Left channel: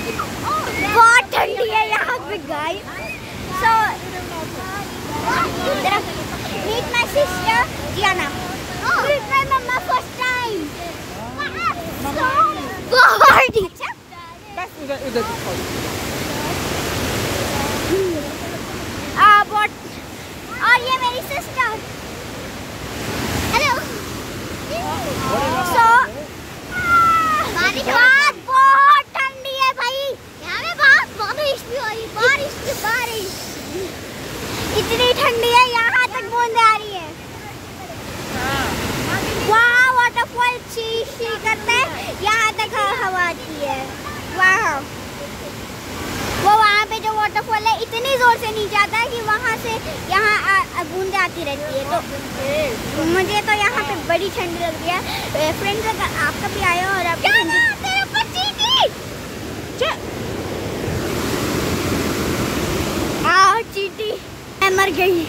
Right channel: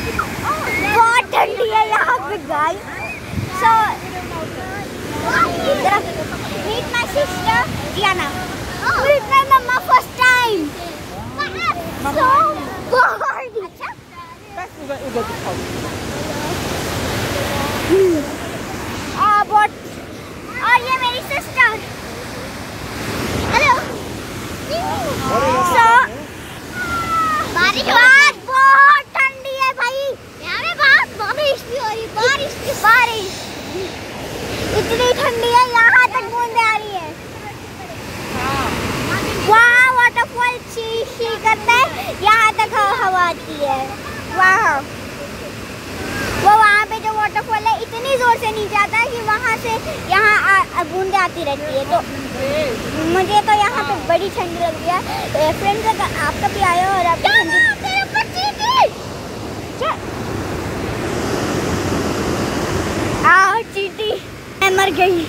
बहुत ठंडी है यहाँ पे guys. So meet my sister Diana. Meet my mama first time. So बहुत उधर दिखाओ। बहुत। और ये मेरी सिस्टर। हेलो। So बारिश बहुत ठंडी है भाई। यहाँ पे बारिश भी हो रही, बारिश की बारिश इतनी ठंडी है, यहाँ तक बूंदें आ रही है। वहाँ वाटरफॉल ची करता है, यहाँ तक हवा आती है। वाह, वो वहाँ पे जो वाटरफॉल है इतनी जोर से नीचे आता है कि वहाँ से यहाँ बूंदें आती रहती है। तो मुझे तो यहाँ पे बड़ी ठंडी लग रही है। फ्रेंड्स अगर आप कभी आए हो और आप चींटी, मैं मर गई।